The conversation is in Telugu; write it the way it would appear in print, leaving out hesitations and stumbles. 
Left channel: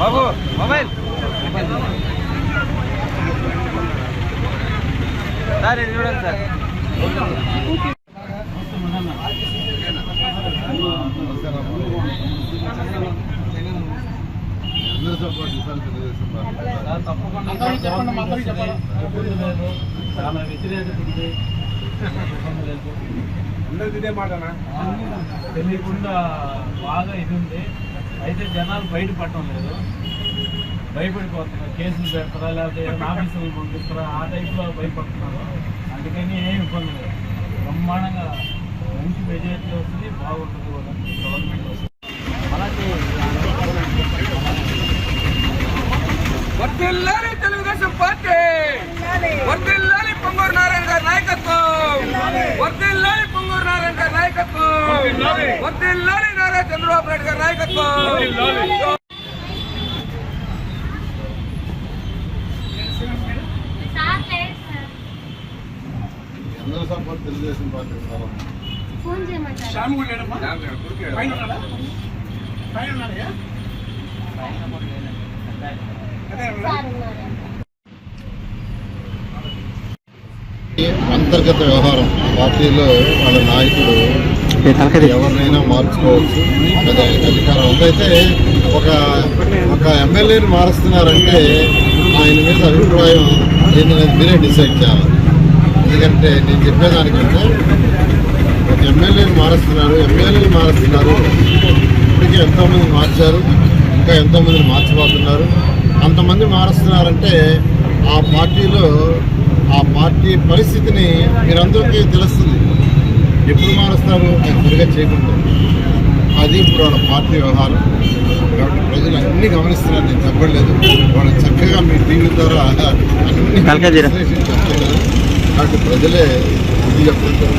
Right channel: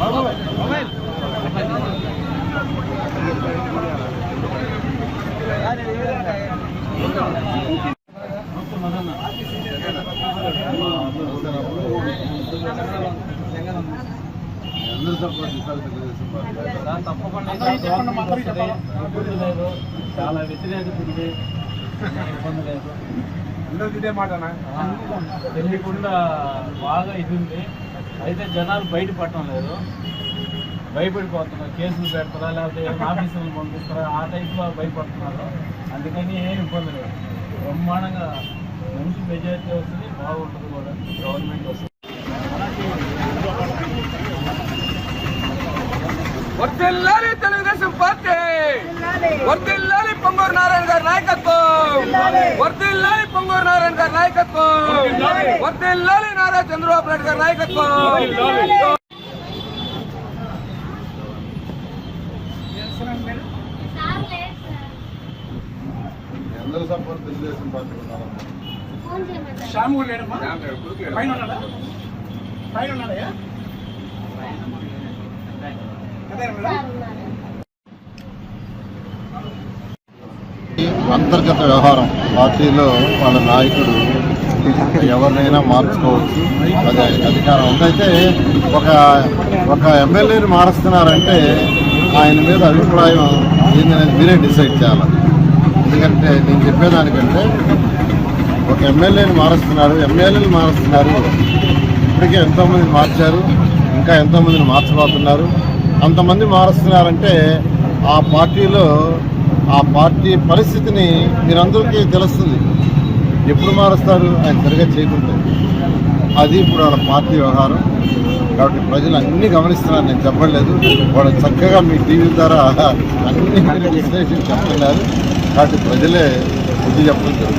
బాబు మొబైల్ సార్ ఇది చూడండి సార్. అందరూ సపోర్ట్ ఇస్తారు తెలుగుదేశం పార్టీ. తప్పకుండా చాలా వ్యతిరేకత ఇబ్బంది లేదు. అందరికి ఇదే మాటనా తెలియకుండా బాగా ఇది ఉంది. అయితే జనాలు బయటపడటం లేదు, భయపడిపోతున్నారు. కేసులు పెడతారా లేకపోతే ఆఫీసులు పంపిస్తారా ఆ టైప్లో భయపడుతున్నారు. అందుకని ఏం ఇబ్బంది లేదు. బ్రహ్మాండంగా మంచి మెజారిటీ వస్తుంది, బాగుంటుంది కూడా గవర్నమెంట్ వస్తుంది. వర్ధిల్లాలి తెలుగుదేశం పార్టీ, వర్ధిల్లాలి పొంగూరు నారాయణ గారి నాయకత్వం, వర్ధిల్లాలి పొంగూరు నారాయణ గారి నాయకత్వం, వర్ధిల్లాలి నారా చంద్రబాబు నాయుడు గారి నాయకత్వం. అందరూ సపోర్ట్ తెలుగుదేశం పార్టీ ఉన్నాను. అంతర్గత వ్యవహారం పార్టీలో వాళ్ళ నాయకుడు ఎవరినైనా మార్చుకోవచ్చు, అది అధికారం ఉందైతే ఒక ఎమ్మెల్యేని మారుస్తున్నారంటే ఆయన మీద అభిప్రాయం ఏంటనేది మీరే డిసైడ్ చేయాలి. ఎందుకంటే నేను చెప్పేదానికంటే ఒక ఎమ్మెల్యేని మారుస్తున్నారు, ఇప్పటికే ఎంతోమందిని మార్చారు, ఇంకా ఎంతోమందిని మార్చబోతున్నారు. అంతమంది మారుస్తున్నారంటే ఆ పార్టీలో ఆ పార్టీ పరిస్థితిని మీరందరికీ తెలుస్తుంది. ఎప్పుడు మారుస్తారు ఆయన సరిగా చేయకుంటే. అది ఇప్పుడు వాళ్ళ పార్టీ వ్యవహారం. కాబట్టి ప్రజలు అన్నీ గమనిస్తున్నారు, నేను చెప్పలేదు. వాళ్ళు చక్కగా మీ టీవీ ద్వారా అన్ని చెప్తున్నారు. కాబట్టి ప్రజలే బుద్ధి చెప్తుంటారు.